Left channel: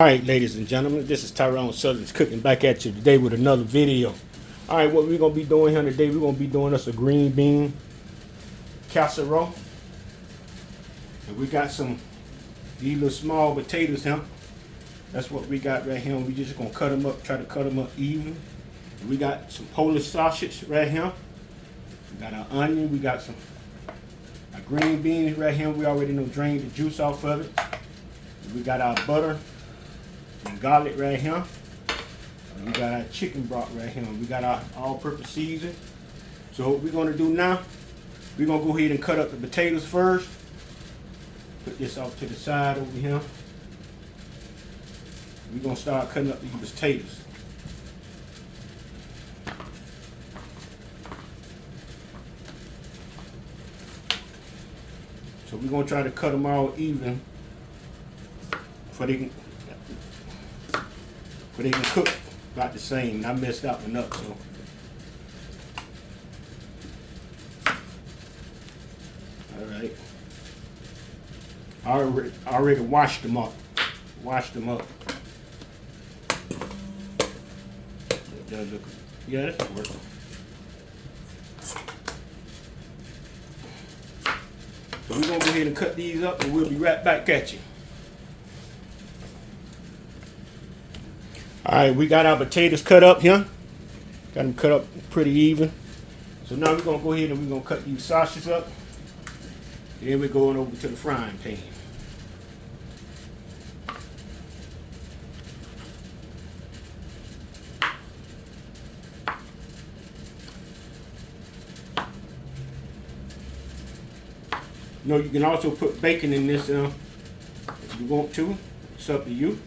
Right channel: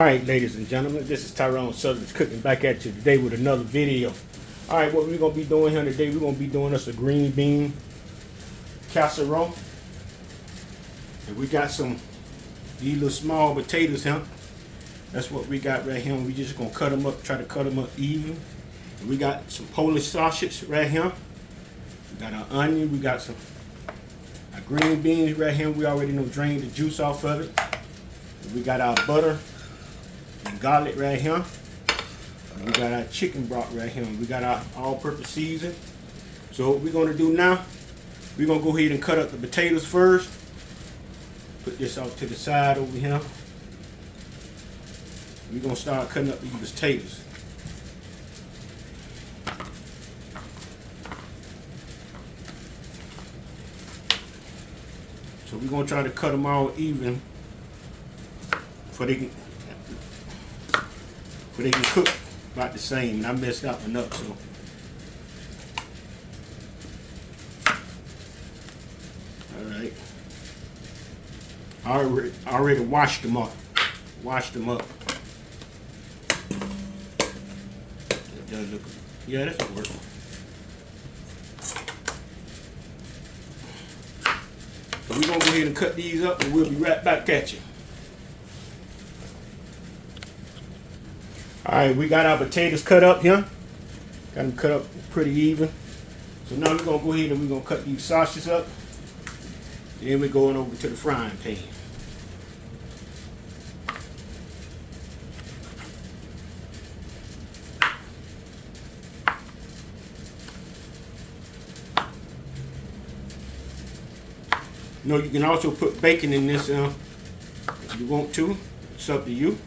Alright, ladies and gentlemen, this is Tyron'e Southern's Cooking back at you today with another video. Alright, what we're going to be doing here today, we're going to be doing us a green bean casserole. And we got these little small potatoes here. That's what we got right here. We just going to cut them up, try to cut them up even. And we got some Polish sausage right here. We got our onion, we got our green beans right here. We already know drained the juice off of it. And we got our butter and garlic right here. And we got our chicken broth right here. We got our all-purpose season. So what we're going to do now, we're going to go ahead and cut up the potatoes first. Put this off to the side over here. We're going to start cutting up these potatoes. So we're going to try to cut them all even so they can cook about the same. And I messed that one up, so. Alright. I already washed them up. It does look, yeah, that's working. So we're going to go ahead and cut these up and we'll be right back at you. Alright, we got our potatoes cut up here. Got them cut up pretty even. So now we're going to go ahead and we're going to cut these sausages up. Then we're going over to the frying pan. You know, you can also put bacon in this if you want to. It's up to you.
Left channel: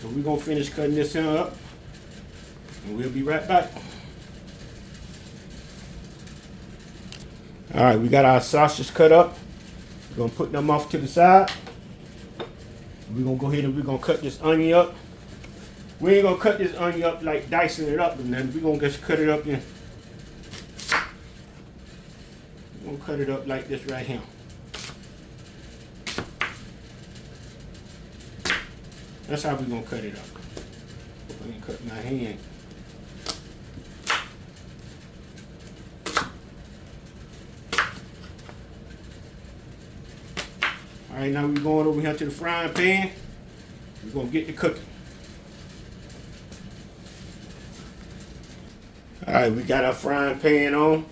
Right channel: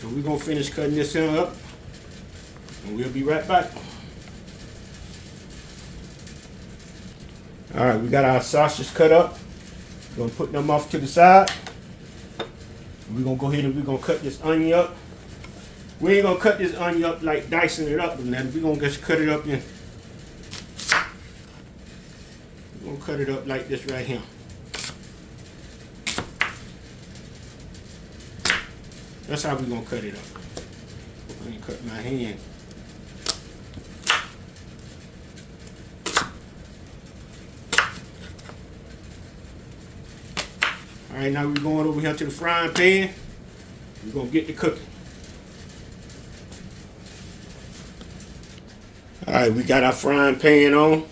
So we're going to finish cutting this up and we'll be right back. Alright, we got our sausages cut up. We're going to put them off to the side. We're going to go ahead and we're going to cut this onion up. We ain't going to cut this onion up like dicing it up or nothing. We're going to just cut it up in. We're going to cut it up like this right here. That's how we're going to cut it up. I ain't cut my hand. Alright, now we're going over here to the frying pan. We're going to get to cooking. Alright, we got our frying pan on.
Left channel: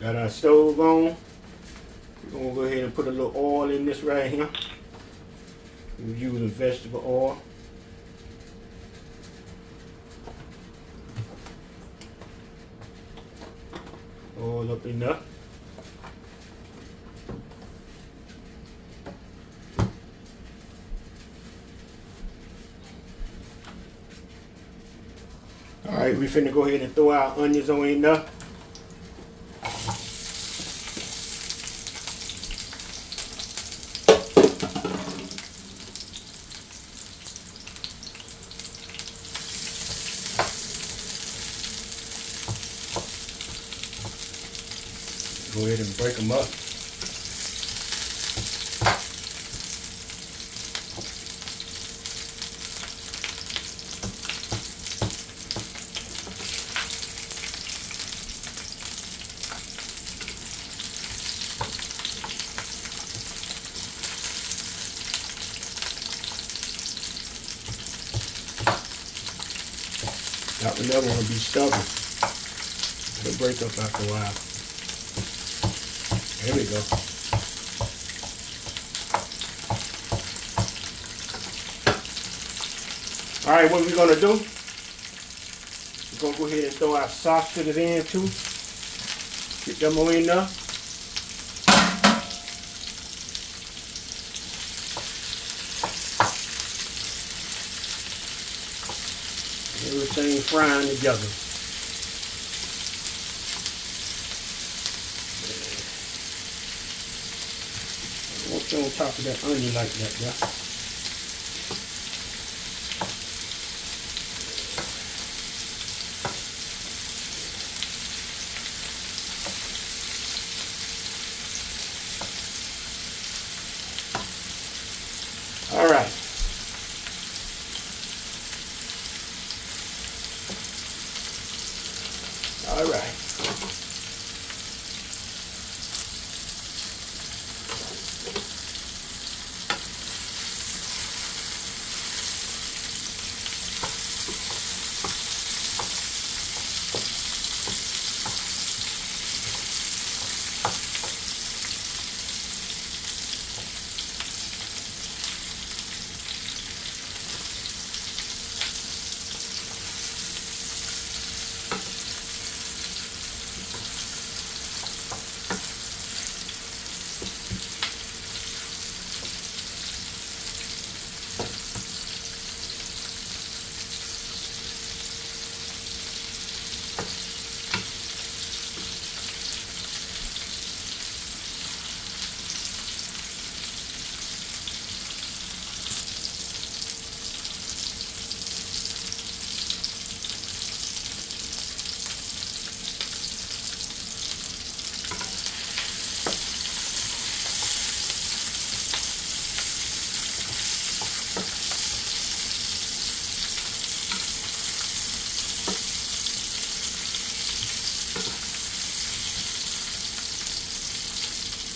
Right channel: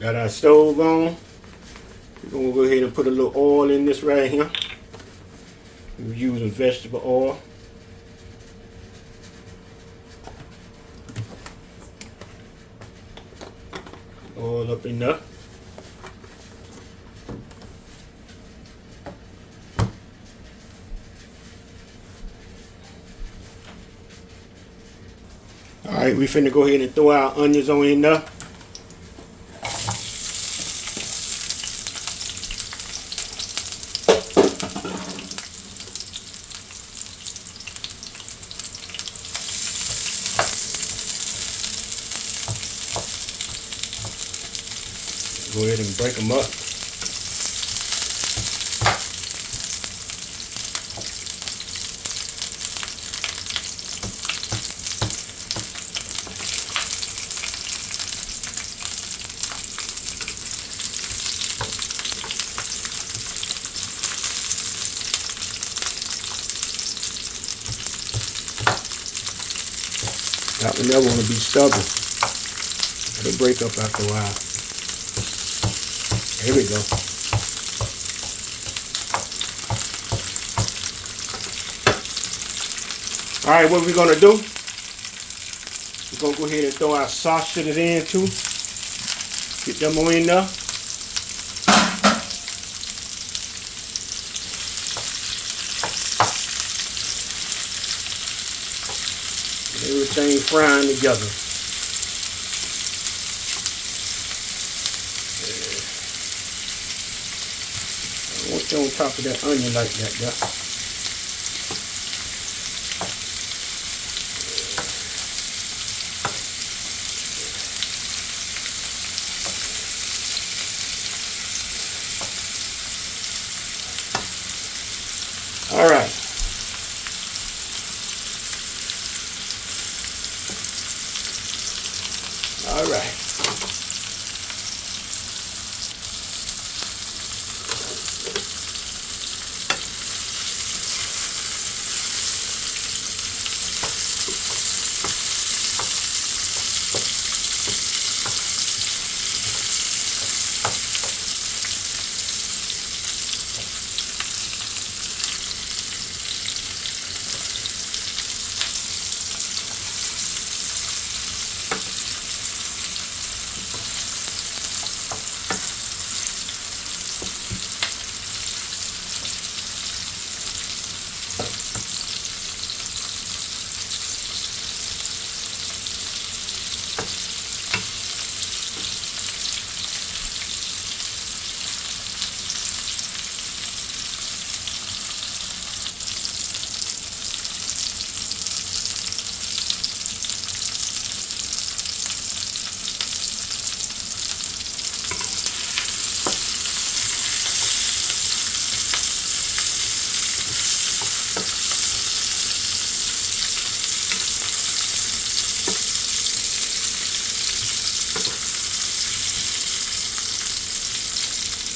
Got our stove on. We're going to go ahead and put a little oil in this right here. We're using vegetable oil. Oil up in there. Alright, we finna go ahead and throw our onions on in there. Go ahead and break them up. That one never want to be stubborn. It'll break up after a while. There we go. Alright, what we're going to do, we're going to go ahead and throw our sausages in too. Get them on in there. Everything frying together. I want you on top of that onion like that, yeah. All right.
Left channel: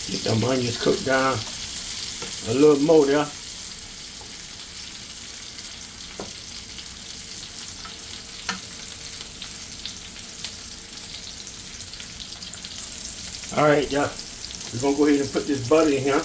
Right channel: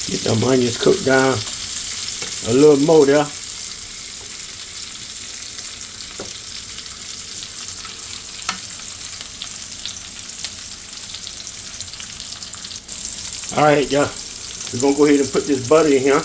Get them onions cooked down a little more there. All right, y'all. We're gonna go ahead and put this butter in here.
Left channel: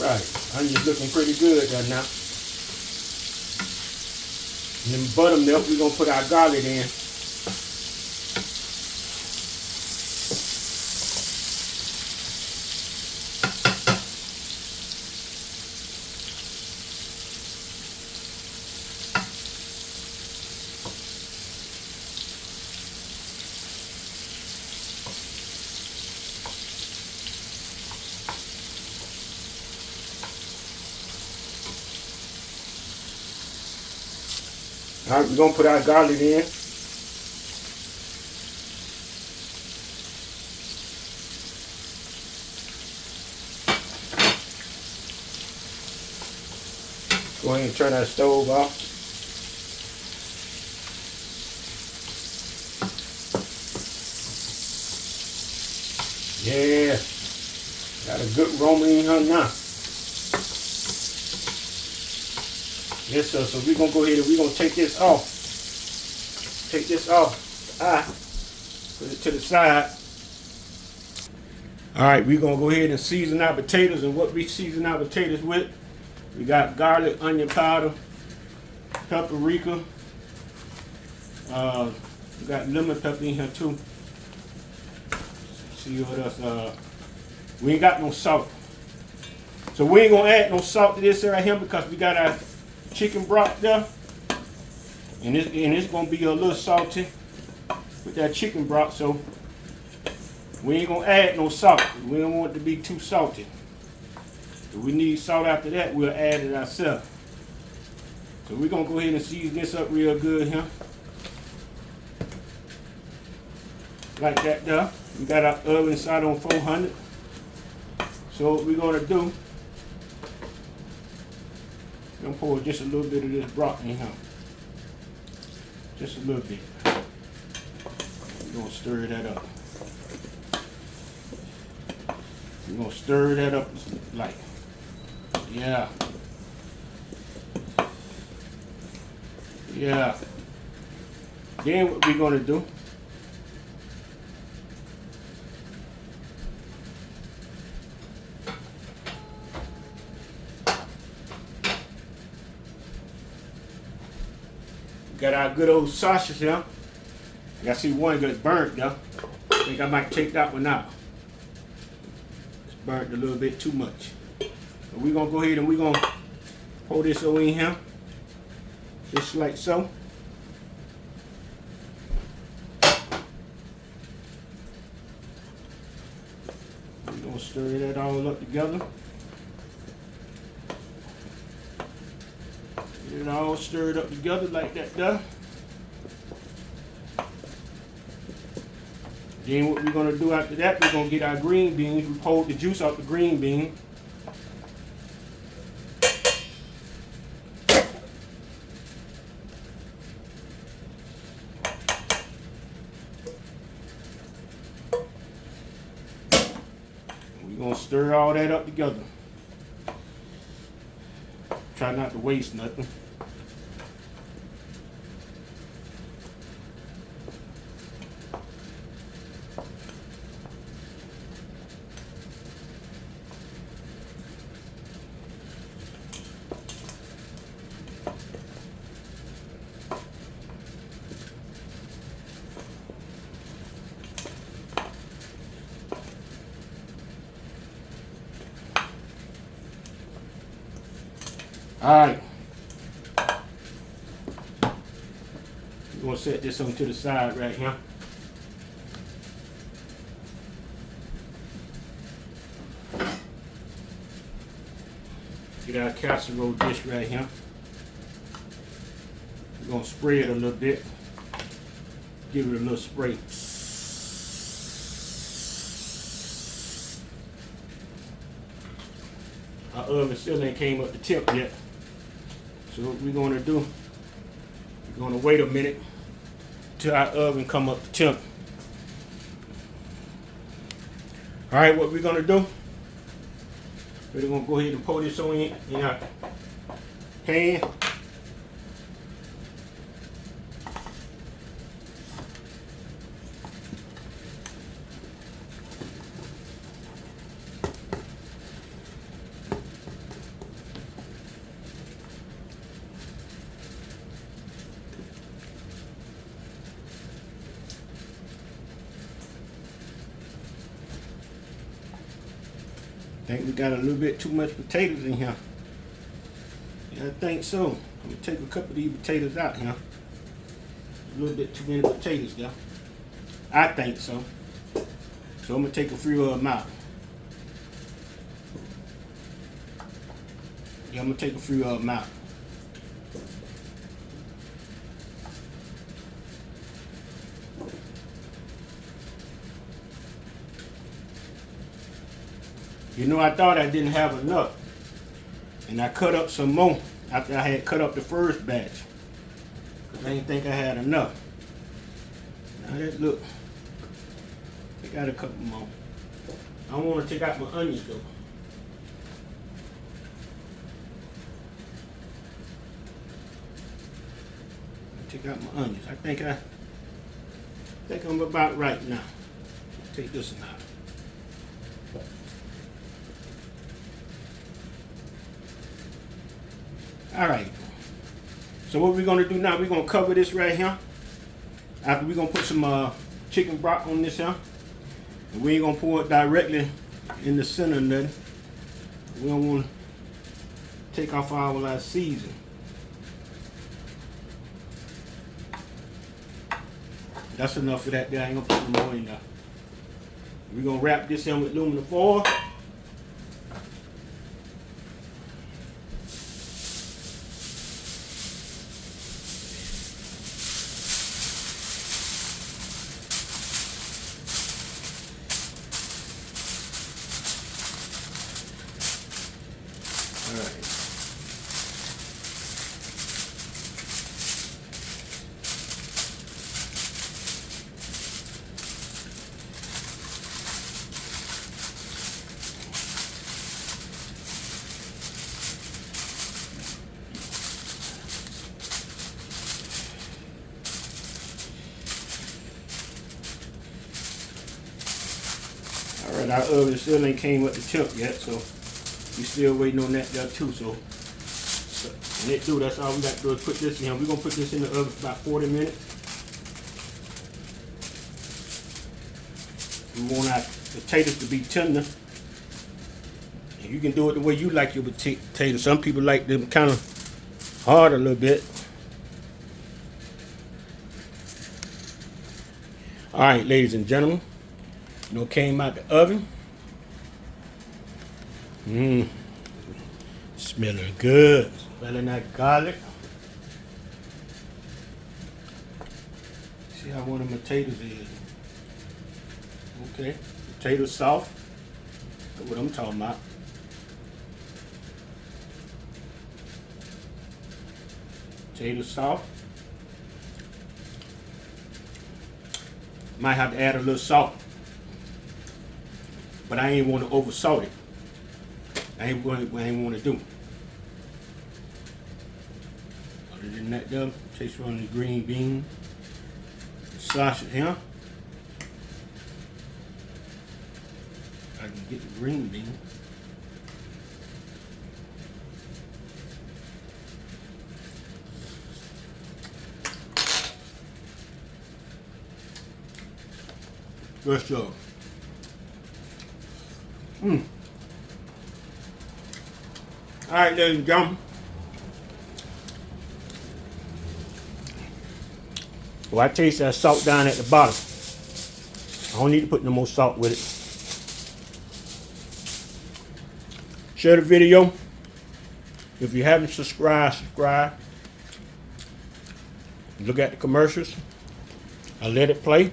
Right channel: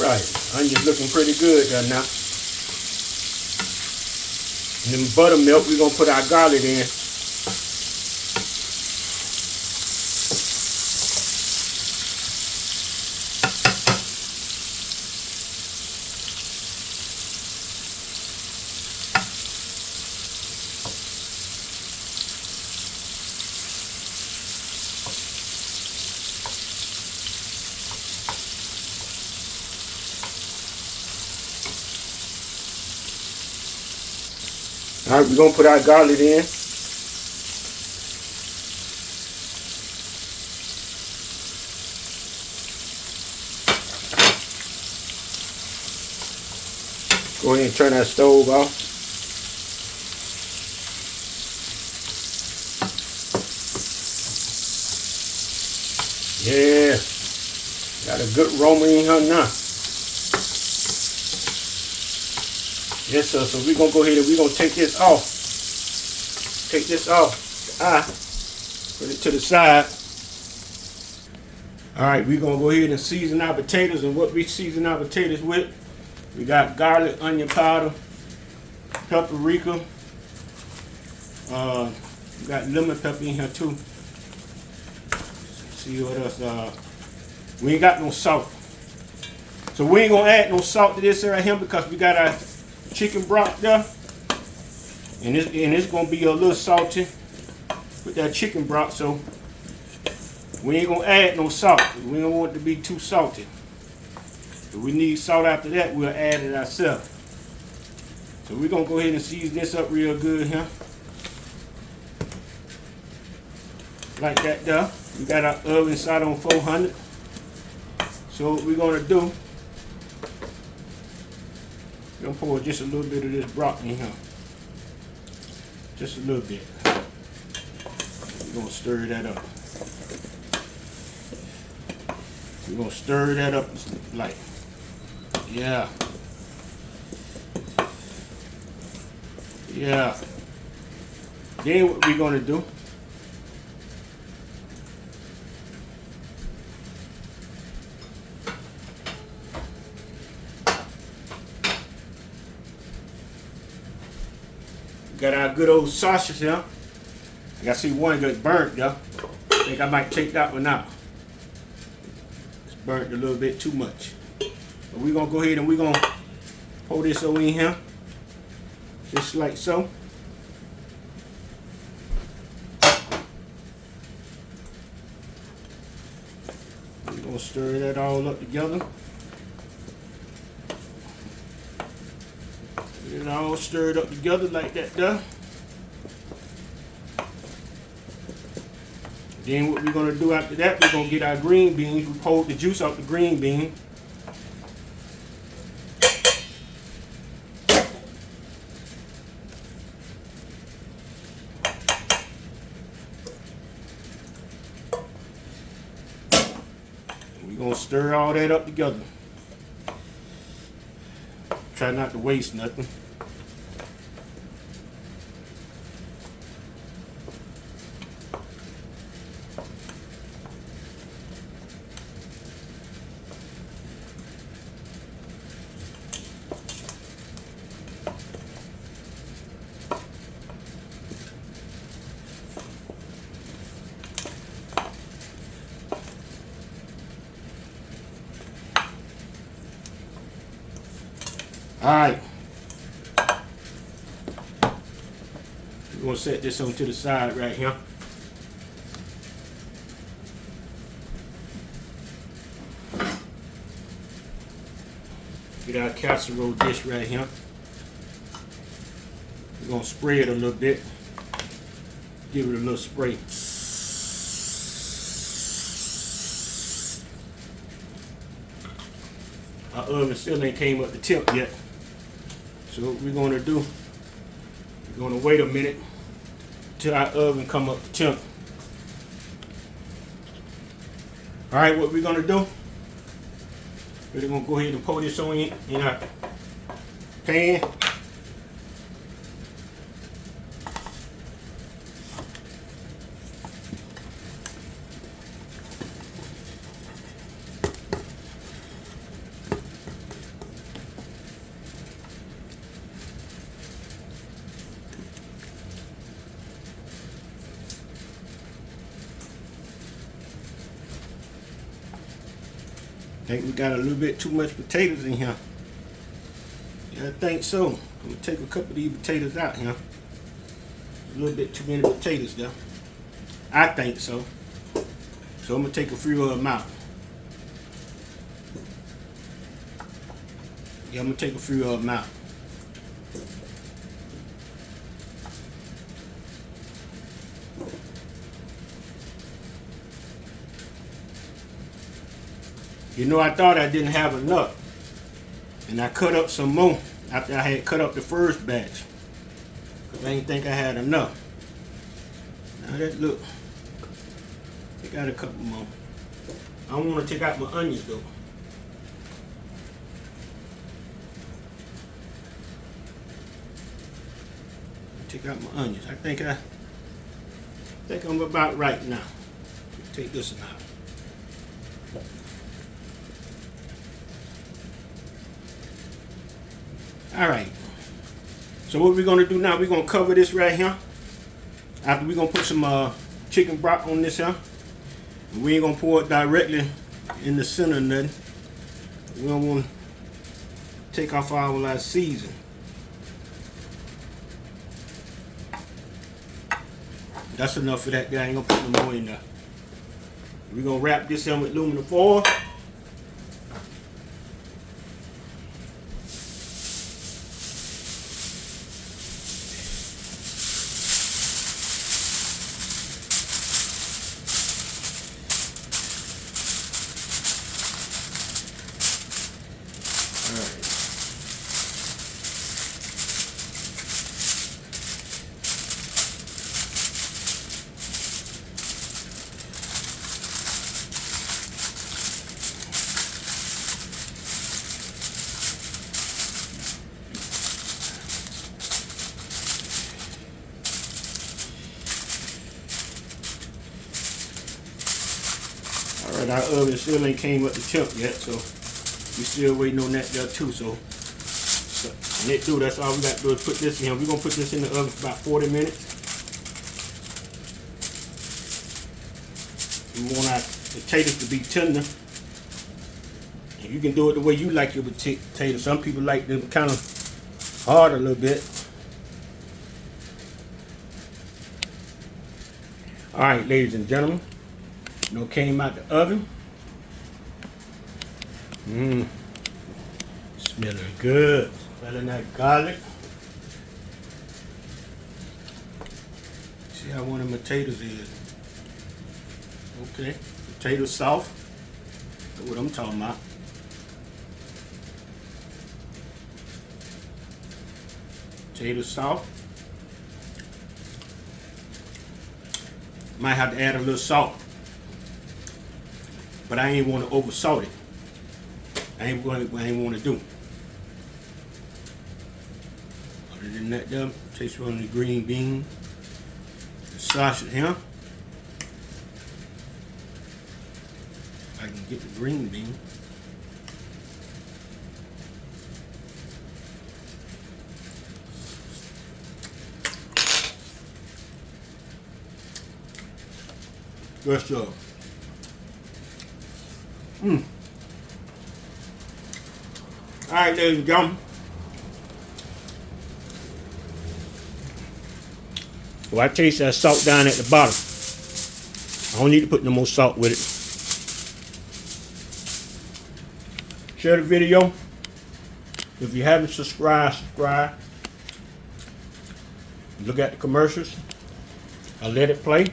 Alright, onions looking pretty good there now. And then buttermilk, we're going to put our garlic in. All right, we're going to put our garlic in. Go ahead and turn our stove off. Yeah, got a good aroma in here now. Yes, sir. So we're going to go ahead and we're going to take this off. Take this off. Put it to the side. All right, we're going to go ahead and season our potatoes. And what we season our potatoes with, we got garlic, onion powder, paprika. We got lemon pepper in here too. Let's see what else. We ain't got no salt. So we ain't going to add no salt to this right here because we got our chicken broth there, and it's gonna be a little salty with that chicken broth, so we ain't gonna add no salt. We don't want it to be too salty. If we need salt after that, we'll add it ourselves. So we're gonna go ahead and season this up real good here, like that there. We got our oven set on 400. So what we're gonna do, we're going to pour just a little bit of this broth in here. Just a little bit. We're going to stir that up. We're going to stir that up like, yeah. Yeah. Then what we're going to do, got our good old sausage here. I got to see one got burnt though. I think I might take that one out. It's burnt a little bit too much. But we're going to go ahead and we're going to pour this over in here. Just like so. We're going to stir that all up together. Get it all stirred up together like that there. Then what we're gonna do after that, we're gonna get our green beans. We pulled the juice out the green bean. We're gonna stir all that up together. Try not to waste nothing. All right, we're gonna set this on to the side right here. Get our casserole dish right here. We're gonna spray it a little bit. Give it a little spray. Our oven still ain't came up the temp yet. So what we're gonna do, we're gonna wait a minute till our oven come up to temp. All right, what we're gonna do, we're gonna go ahead and pour this on in our pan. I think we got a little bit too much potatoes in here. Yeah, I think so. I'm gonna take a couple of these potatoes out here. A little bit too many potatoes there. I think so. So I'm gonna take a few of them out. Yeah, I'm gonna take a few of them out. You know, I thought I didn't have enough. And I cut up some more after I had cut up the first batch. Because I didn't think I had enough. Now that look, I got a couple more. I don't want to take out my onions though. Take out my onions. I think I'm about right now. Take this one out. All right, so what we're gonna do now, we're gonna cover this right here. After we're gonna put some chicken broth on this here. And we ain't gonna pour it directly in the center of nothing. We don't wanna take off all our season. That's enough for that guy, I ain't gonna put no more in there. We're gonna wrap this in with aluminum foil. Alright, our oven still ain't came up the temp yet, so we still waiting on that there too. So when it do, that's all we got to do is put this in. We're gonna put this in the oven for about 40 minutes. We want our potatoes to be tender. And you can do it the way you like your potatoes. Some people like them kind of hard a little bit. Alright, ladies and gentlemen. You know, came out the oven. Smelling good. Smelling that garlic. See how one of my potatoes is. Okay, potato soft. That's what I'm talking about. Potato soft. Might have to add a little salt, but I ain't want to over salt it. I ain't want to do. Other than that, though, taste on the green bean, the sausage here. I can get the green bean. Good stuff. Alright, ladies and gentlemen. Well, I taste that salt down at the bottom. I don't need to put no more salt with it. Share the video. If you haven't subscribed, subscribe. Look at the commercials. I let it play.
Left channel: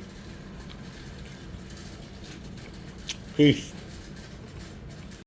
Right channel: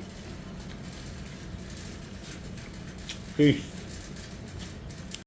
Peace.